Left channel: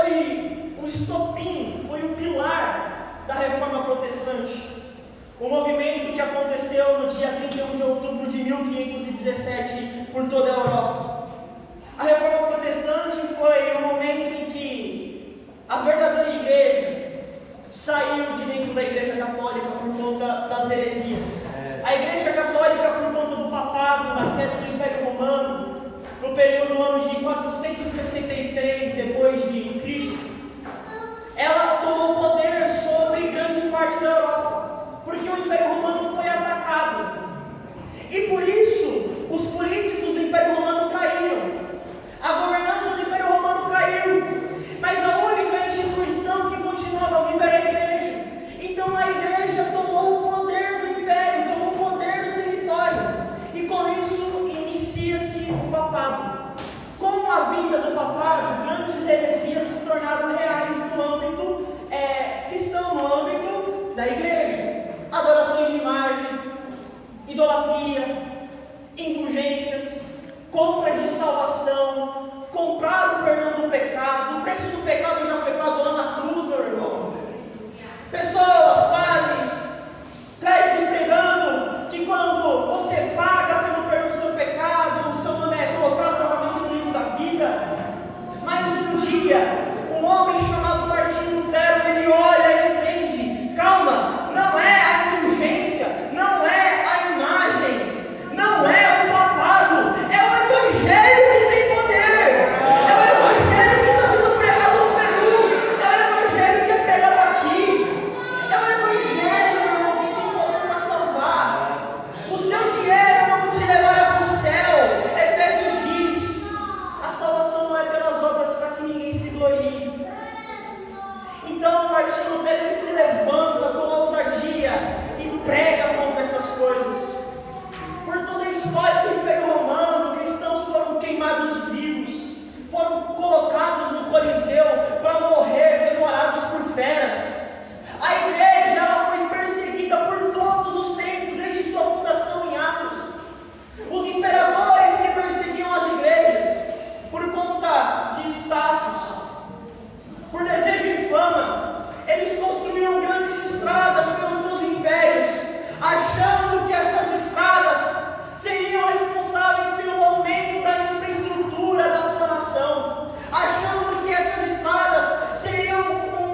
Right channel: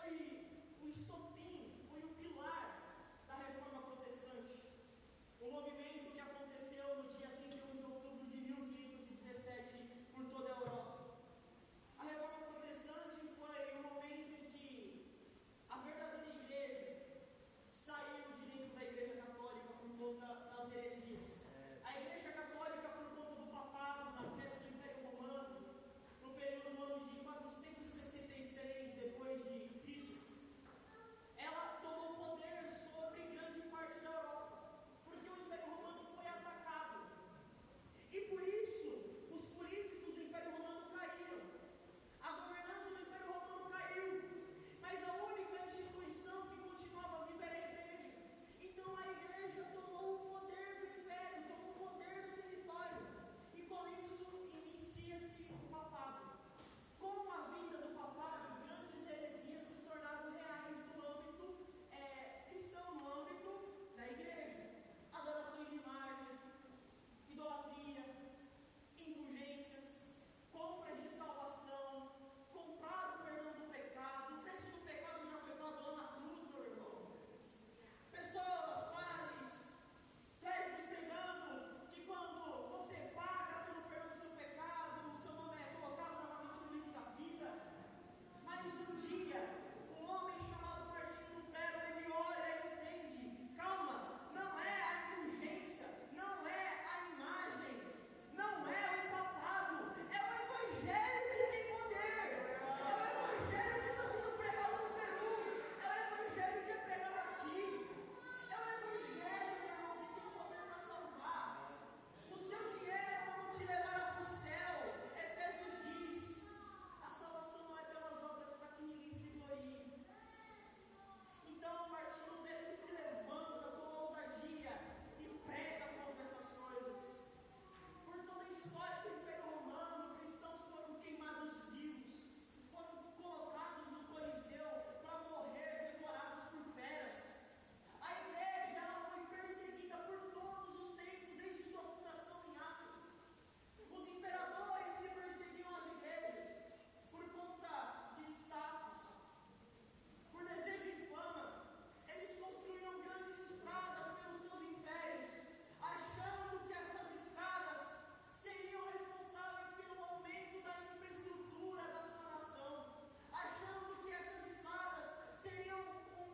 foi o estopim, foi o pilar da Reforma Protestante. O movimento que aconteceu no dia 31 de outubro de 1517 por toda a Europa. A Reforma Protestante foi o momento em que a verdadeira igreja saiu de dentro da Igreja Católica por conta das heresias. A Igreja Católica, por conta do papado, na queda do Império Romano, no período do ano de 463 depois de Cristo, ela tomou poder sobre grande parte da Europa, porque o Império Romano foi atacado. E por isso, os políticos do Império Romano caíram. A governança do Império Romano caiu. Mas a única instituição que continuava viva era a igreja. Então a igreja tomou o poder do império, tomou o poder do território. E com isso inicia-se o papado. Com a vinda do papado, grandes heresias se tornaram reais no âmbito cristão, no âmbito da igreja. Adorações de imagem, idolatria, indulgências, compras de salvação, comprar o perdão do pecado. O preço do pecado já foi pago lá na cruz, meu irmão. Pessoas, padres, clérigos pregando que quando você paga pelo perdão do seu pecado, o seu nome é colocado novamente no livro da vida. Mas um dia, um homem chamado Martinho Lutero, ele olha e entende: calma, não é a indulgência, não é a imagem, não é o papado, é o Evangelho que tem poder, é o Evangelho que está sendo pregado no Peru, é o Evangelho que é pregado aqui, é o Evangelho, meu irmão, que tem poder para salvar. O seu dinheiro não te levará para o céu. Efésios diz: a salvação não é pelas obras para que ninguém se glorie. Então Martinho Lutero, ele se levanta com ousadia e prega contra essas coisas. Por toda a história do Império Romano, cristãos foram queimados vivos, foram colocados no Coliseu para morrer devorados por feras. A igreja, ela foi perseguida por todos os tempos, desde sua fundação em Atos. Os imperadores que perseguiam as igrejas por conta de status, por desejo de fama, eles construíam grandes estradas pelos seus impérios, achando que essas estradas seriam responsáveis pelo aumento da infraestrutura da sua nação, achando que essas estradas seriam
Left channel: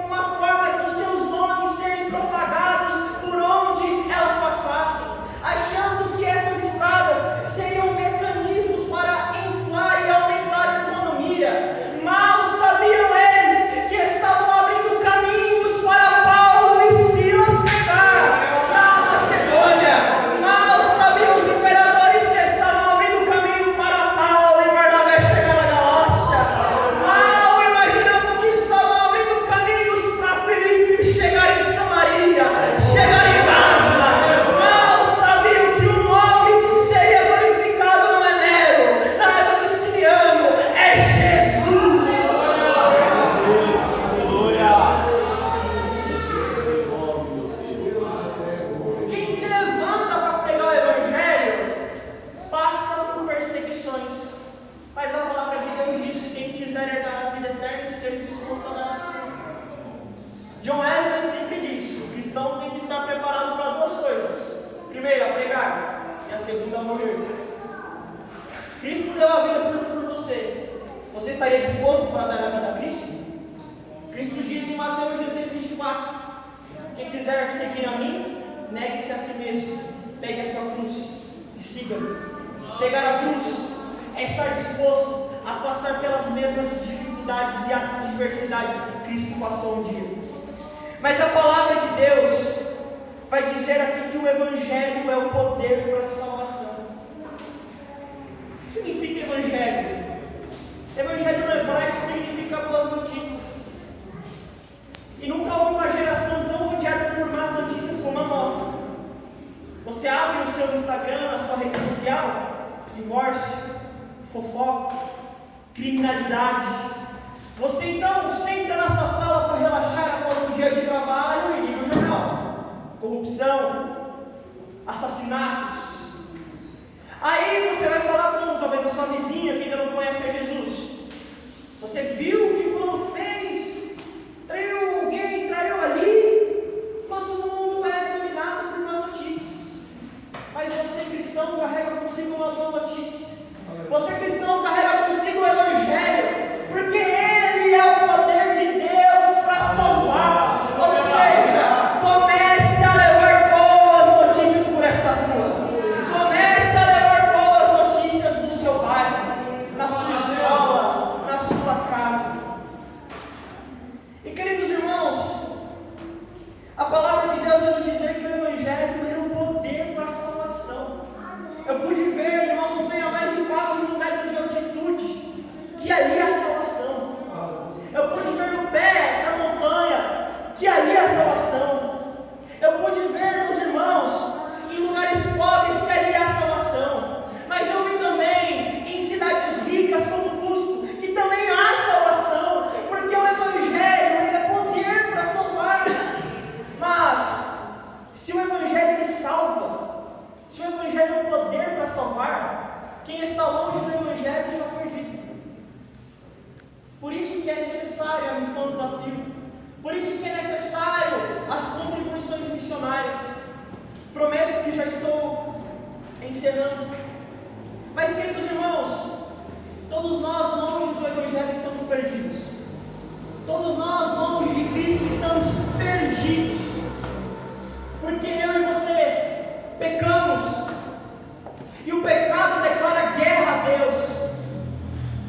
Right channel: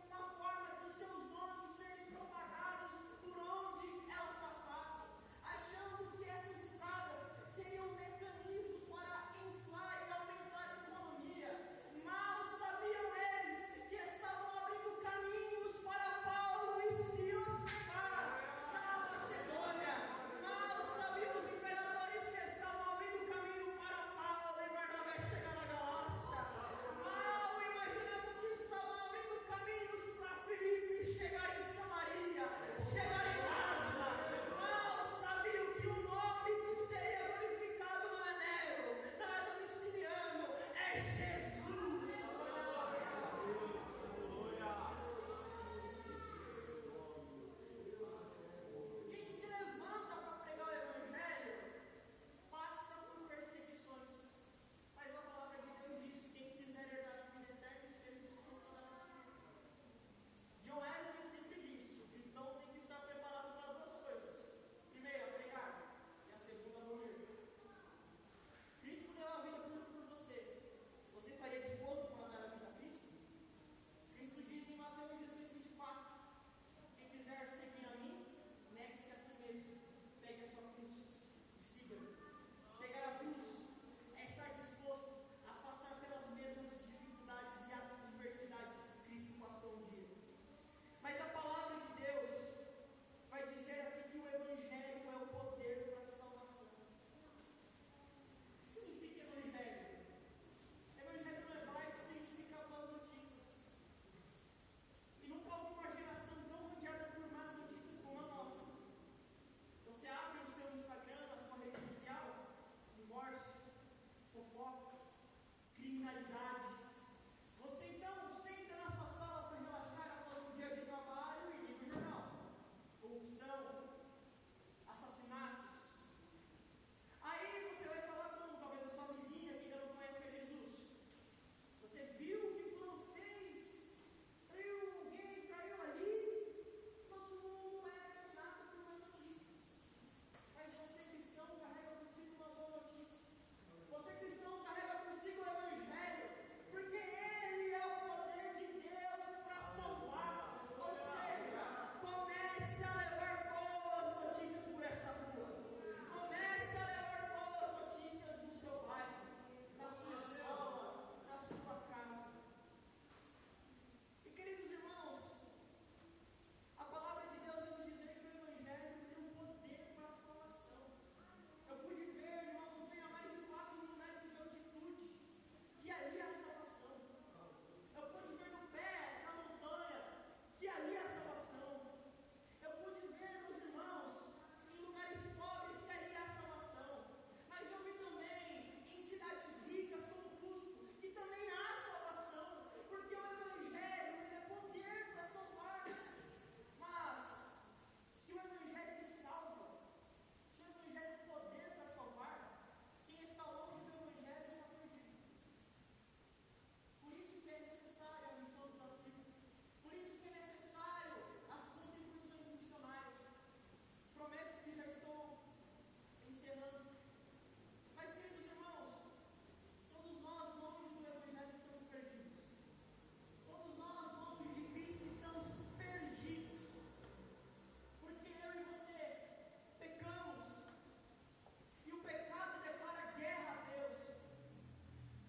uma forma de seus nomes serem propagados por onde elas passassem, achando que essas estradas seriam mecanismos para inflar e aumentar a economia. Mal sabiam eles que estavam abrindo caminhos para Paulo e Silas pregar na Macedônia. Mal sabiam os imperadores que estavam abrindo caminho para Paulo e Barnabé chegar na Galácia. Mal imaginando que estavam abrindo caminhos para Filipe chegar em Samaria, chegar em Gaza. Mal sabiam que o nome que seria glorificado não é Nero, não é Domiciano, é Jesus. Quem se levanta para pregar o Evangelho passa por perseguições, mas a palavra de Deus diz: quem quiser herdar a vida eterna, esteja disposto a dar a sua. John Wesley sempre diz: o cristão tem que estar preparado para duas coisas: primeiro, a pregar, e a segunda, a morrer. Cristo deu a vida por você. Você estaria disposto para dar a vida a Cristo? Cristo diz em Mateus 16:24: quem quiser seguir a mim, negue-se a si mesmo, pegue a sua cruz e siga-me. Pegar a cruz é estar disposto a passar pelas mesmas dificuldades e adversidades que Cristo passou um dia. Mas a palavra de Deus vai dizer aqui que o Evangelho é o poder para a salvação. O que significa Evangelho? Evangelho no hebraico significa boas notícias. E nunca houve uma geração tão rodeada por más notícias como a nossa. Você abre o seu Instagram, a sua rede social: divórcio, fofoca, criminalidade. Você então senta na sua sala para relaxar após um dia de trabalho e liga o jornal: corrupção, assassinatos. Aí você vai falar com talvez a sua vizinha que ainda não conhece a Jesus: você viu o que fulano fez? que é necessária a missão desafio. Por isso que é necessário as contribuições missionárias. Prometo que já estou encerrando. Mas, queridos irmãos, todos nós longe do Evangelho estamos perdidos. Todos nós longe de Cristo estamos perdidos. Porque eu e você pecamos. E o pecado declara guerra a Deus.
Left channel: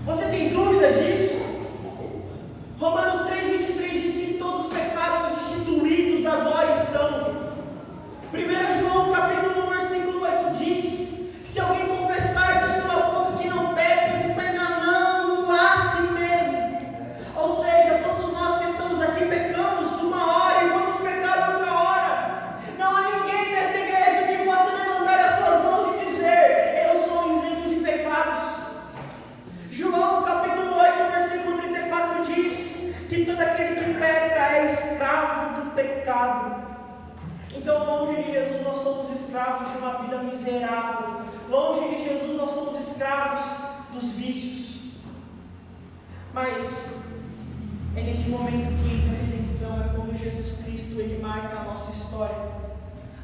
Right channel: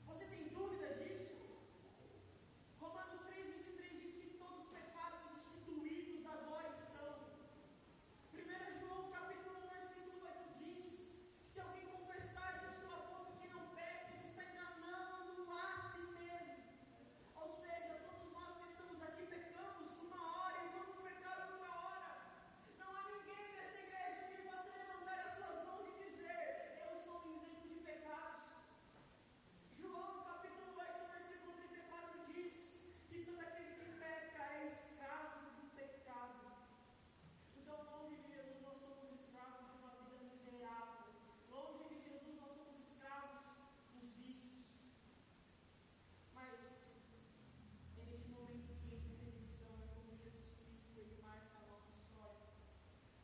Você tem dúvidas disso? Romanos 3,23 diz que todos pecaram e destituídos da glória estão. 1 João capítulo 1, versículo 8 diz: se alguém confessar de sua boca que não peca, está enganando a si mesmo. Ou seja, todos nós que estamos aqui pecamos uma hora e vamos pecar outra hora. Não há ninguém nesta igreja que possa levantar as suas mãos e dizer: eu sou isento de pecados. João capítulo 8, versículo 34 diz que todo aquele que peca é escravo do pecado. Então, longe de Jesus, nós somos escravos de uma vida miserável. Longe de Jesus, nós somos escravos dos vícios. Mas é neste momento que entra a redenção, é quando Jesus Cristo ele marca a nossa história.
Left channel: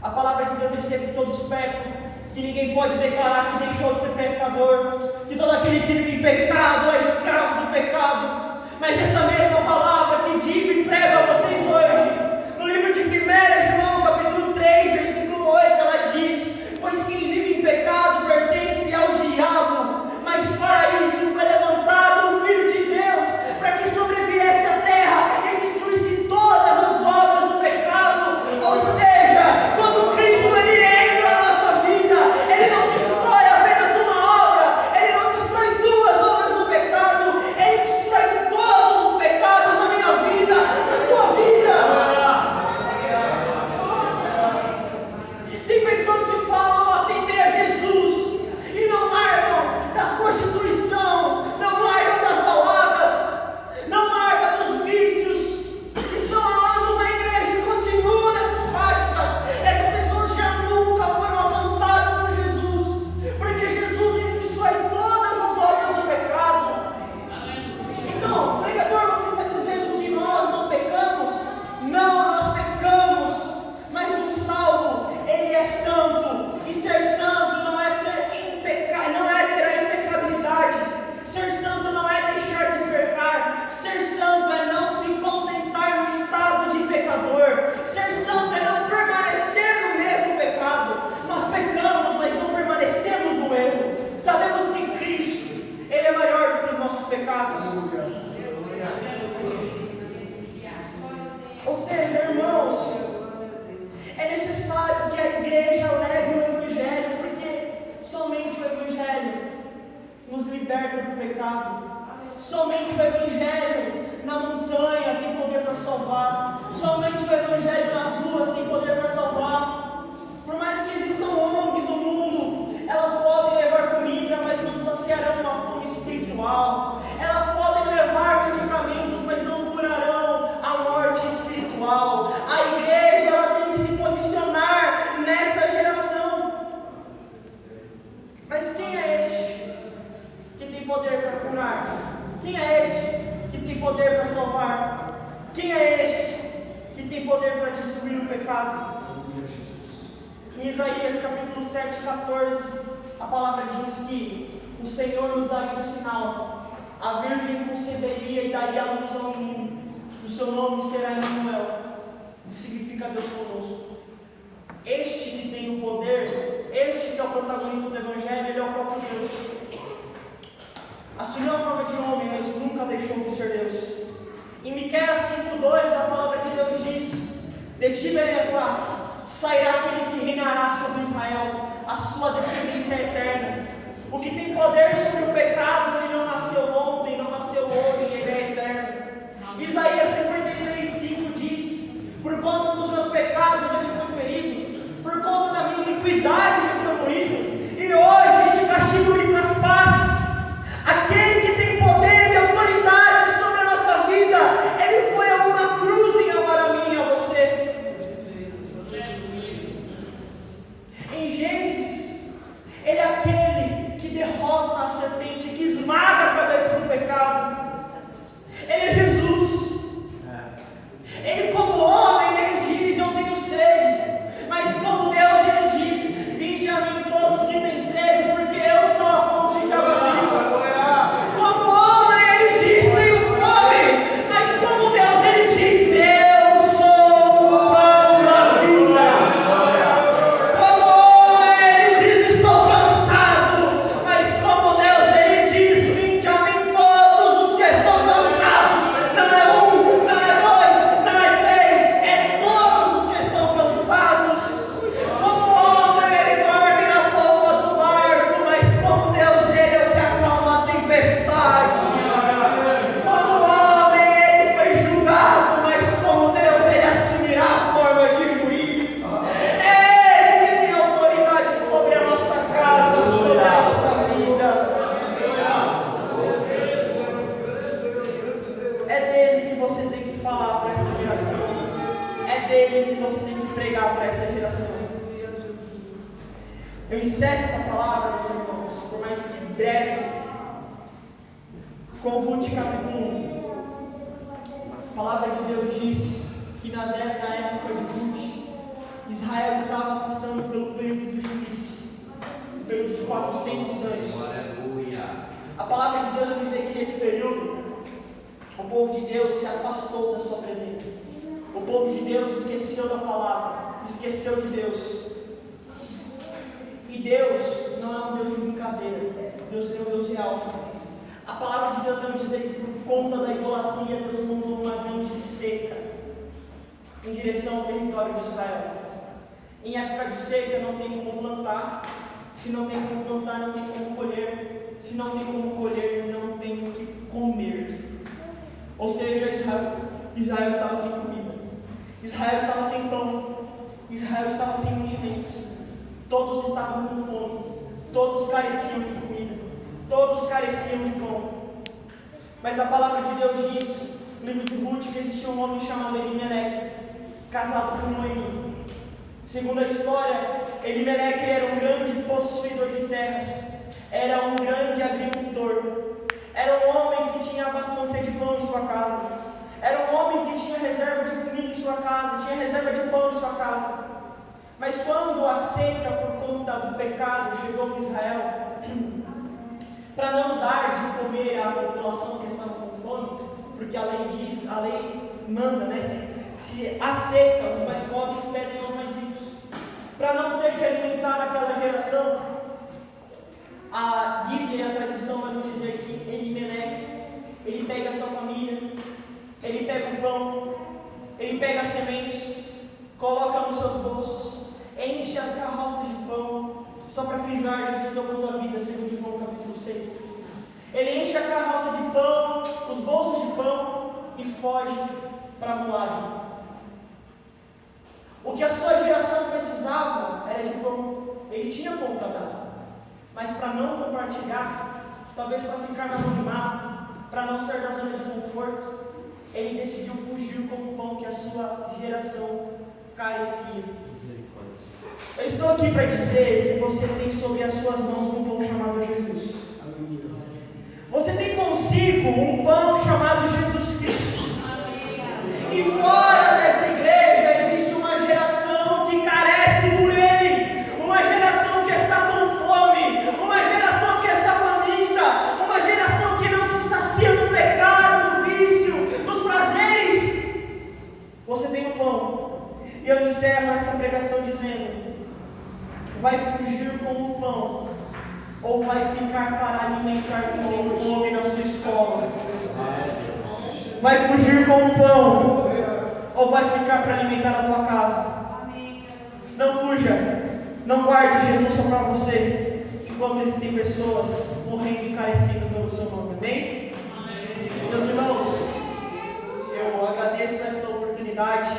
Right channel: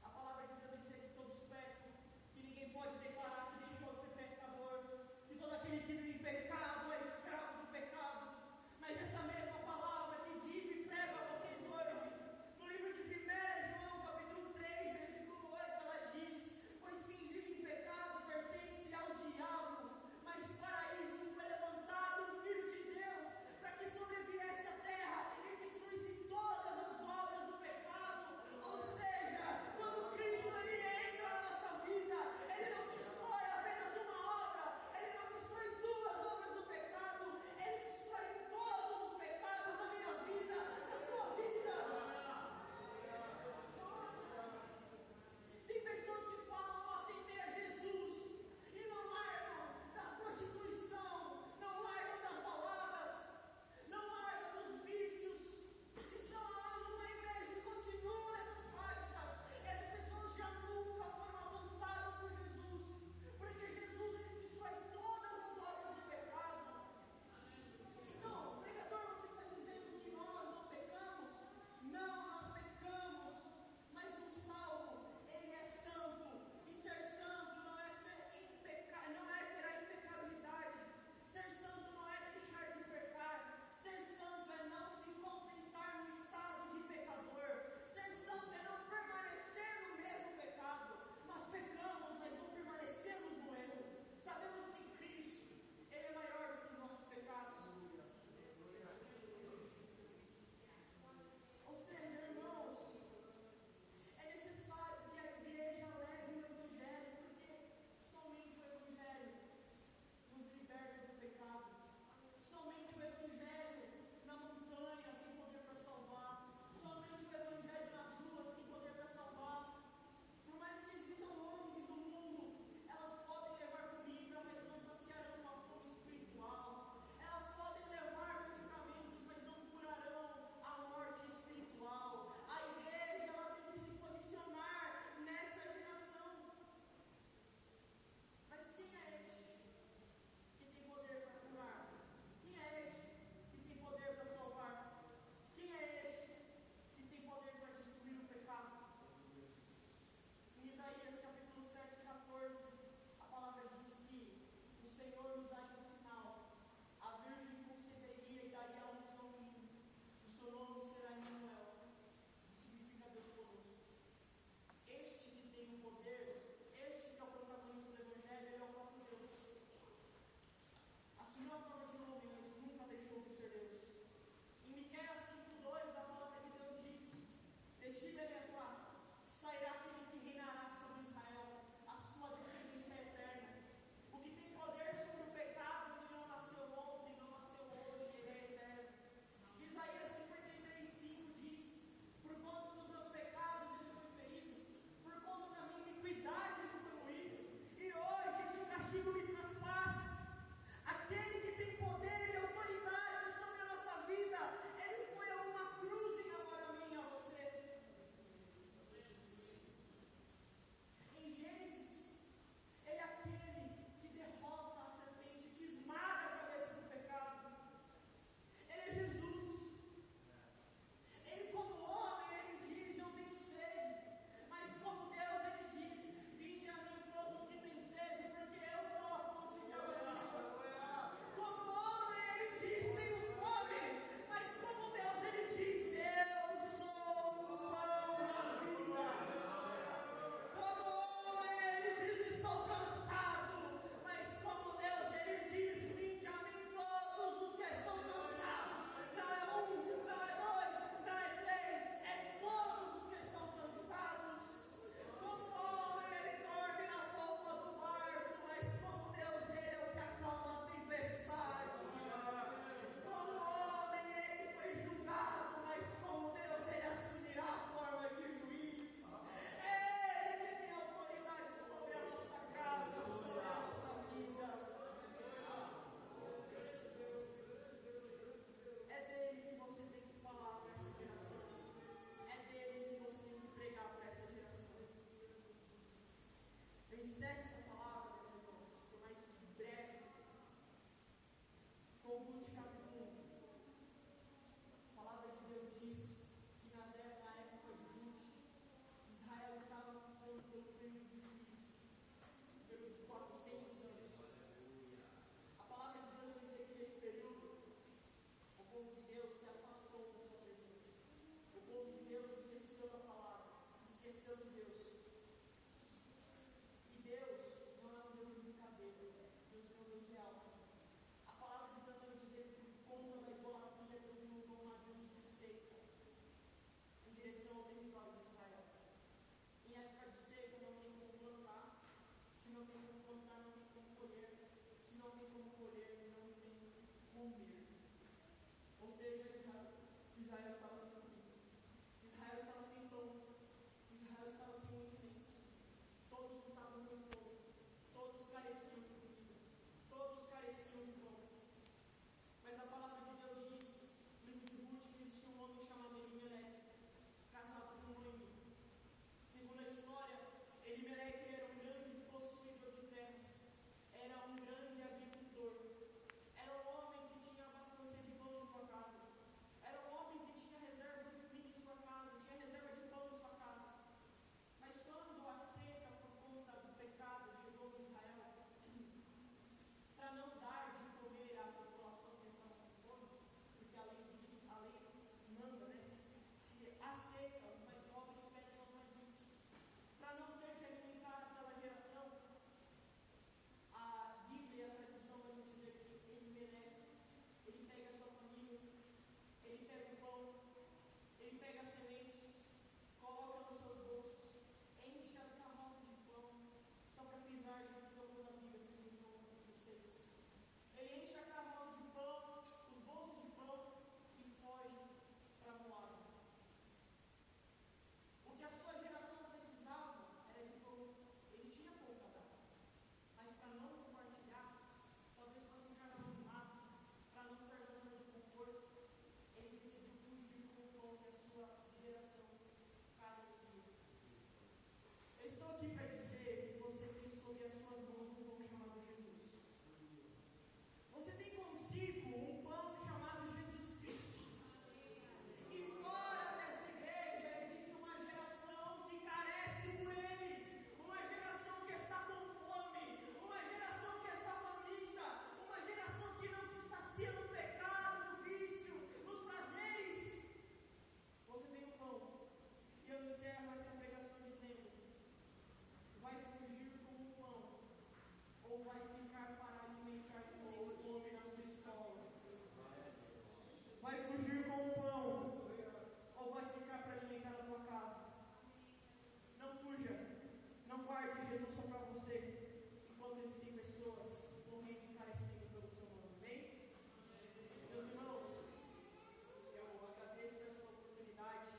A palavra de Deus vai dizer que todos pecam, que ninguém pode declarar que deixou de ser pecador, que todo aquele que vive em pecado é escravo do pecado. Mas esta mesma palavra que digo e prego a vocês hoje, no livro de 1 João, capítulo 3, versículo 8, ela diz: pois quem vive em pecado pertence ao diabo, mas para isso foi levantado o Filho de Deus, para que sobreviesse à terra e destruísse todas as obras do pecado. Ou seja, quando Cristo ele entra na nossa vida, ele não destrói apenas uma obra, ele não destrói duas obras do pecado, ele destrói todos os pecados da minha vida, da sua vida. Tem pessoas que falam: eu aceitei a Jesus, e não largam da prostituição, não largam das baladas, não largam dos vícios, estão há anos na igreja e continuam nessas práticas. Essas pessoas já nunca foram alcançadas por Jesus, porque Jesus ele destrói todas as obras do pecado. Então, pregador, você está dizendo que nós não pecamos? Não, nós pecamos, mas o salvo ele é santo, e ser santo não é ser impecável, não é ter a impecabilidade. Ser santo não é deixar de pecar. Ser santo é não se contentar no estado de pecador. Ser santo é não permanecer no mesmo pecado. Nós pecamos, mas não permanecemos no erro. Sabemos que Cristo ele é maior do que os nossos pecados. Ou seja, irmãos, é necessário que a igreja leve o Evangelho, porque somente o Evangelho nos liberta do pecado. Somente o Evangelho na montanha tem poder para salvar. Somente o Evangelho nas ruas tem poder para salvar. Por mais que existam ONGs no mundo, elas podem levar comida, mas não saciarão uma fome espiritual. Elas podem levar medicamentos, mas não curarão a morte espiritual. A igreja ela tem que se posicionar nesta geração. Mas quem é este que tem poder para curar? Quem é este que tem poder para salvar? Quem é este que tem poder para destruir o pecado? Em Isaías capítulo 7, 14, a palavra diz que o Senhor nos daria um sinal: a virgem conceberia e daria à luz ao menino, o seu nome será Emanuel, que significa Deus conosco. Este que tem o poder, este que é o protagonista do Evangelho, ele é o próprio Deus. Assumiu a forma de homem, mas nunca deixou de ser Deus. Em Miqueias 5:2, a palavra de Deus diz: de ti, Benevá, sairá aquele que reinará sobre Israel, a sua descendência é eterna. O que tem poder sobre o pecado, ele não nasceu ontem, não nasceu hoje, ele é eterno. Isaías 53:5 diz: por conta dos meus pecados ele foi ferido, por conta da minha iniquidade ele foi moído, e hoje este castigo me traz paz. Aquele que tem poder e autoridade sobre a nossa vida, ele foi a uma cruz em amor a mim e a você. Em Gênesis, ele é aquele que derrota a serpente, que esmaga a cabeça do pecado. Ele que você tem que pregar para essa geração. Eu encerro essa palavra, meus irmãos, por mais que breve, com Ruth capítulo 1. A palavra de Deus diz que na época de Ruth, Israel estava passando pelo período dos juízes, período de 400 anos. Aleluia. A palavra de Deus vai dizer que nesse período, o povo de Deus se afastou da sua presença. O povo de Deus esqueceu da palavra, esqueceu de Deus. E Deus não é um Deus de brincadeira, Deus é um Deus real. A palavra de Deus vai dizer que por conta da idolatria, Deus mandou uma grande seca em direção ao território de Israel. Em época de seca não tem como plantar, se não tem como plantar, não tem como colher, se não tem como colher, não tem o que comer. Ou seja, Israel estava sem comida, Israel estava sem pão, Israel estava sem mantimentos, todos estavam com fome, todos careciam de comida, todos careciam de pão. Mas a palavra de Deus diz, no livro de Ruth, que existia um homem chamado Elimeleque, casado com Noemi. Segundo a história, Elimeleque era um grande possuidor de terras, era um grande agricultor, era um homem que tinha abundância de pão em sua casa, era um homem que tinha reserva de comida em sua casa, tinha reserva de pão em sua casa. Mas quando a seca por conta do pecado chegou em Israel, para não dar de comer à população que estava com fome, porque a lei diz, a lei manda, né? Se há seca, os mais pobres pedem aos mais ricos. Para não ter que alimentar aquela geração, a Bíblia e a tradição vai nos dizer que Elimeleque, ele pega a sua família, ele pega o pão, ele pega as sementes, coloca nos seus bolsos, enche as carroças de pão. Só para frisar, Jesus é o pão da vida, segundo João capítulo 6. Ele enche a carroça de pão, os bolsos de pão e foge para Moabe. O que a sua geração precisava era de pão. Ele tinha pão para dar, mas para não compartilhar, talvez para ficar no anonimato, para não sair da zona de conforto, ele decidiu fugir com o pão que a sua geração carecia. Eu estou aqui para dizer que você tem sobre as suas mãos um pão chamado Jesus. Você tem consigo um pão chamado Jesus Cristo. E fora dessa igreja existe uma geração que carece por Ele, uma geração que está com fome, uma geração que está faminta, uma geração que não se sacia no pecado, no vício, nos prazeres. Você tem o pão. E eu encerro esta pregação dizendo: vai fugir com o pão, ou vai ficar para alimentar quem tem fome na sua escola? Vai fugir com o pão, ou vai ficar para alimentar a tua casa? Não fuja, não guarde Jesus só para você, enquanto existem pessoas morrendo e carecendo pelo seu nome. Amém? Meus irmãos, eu agradeço esta oportunidade.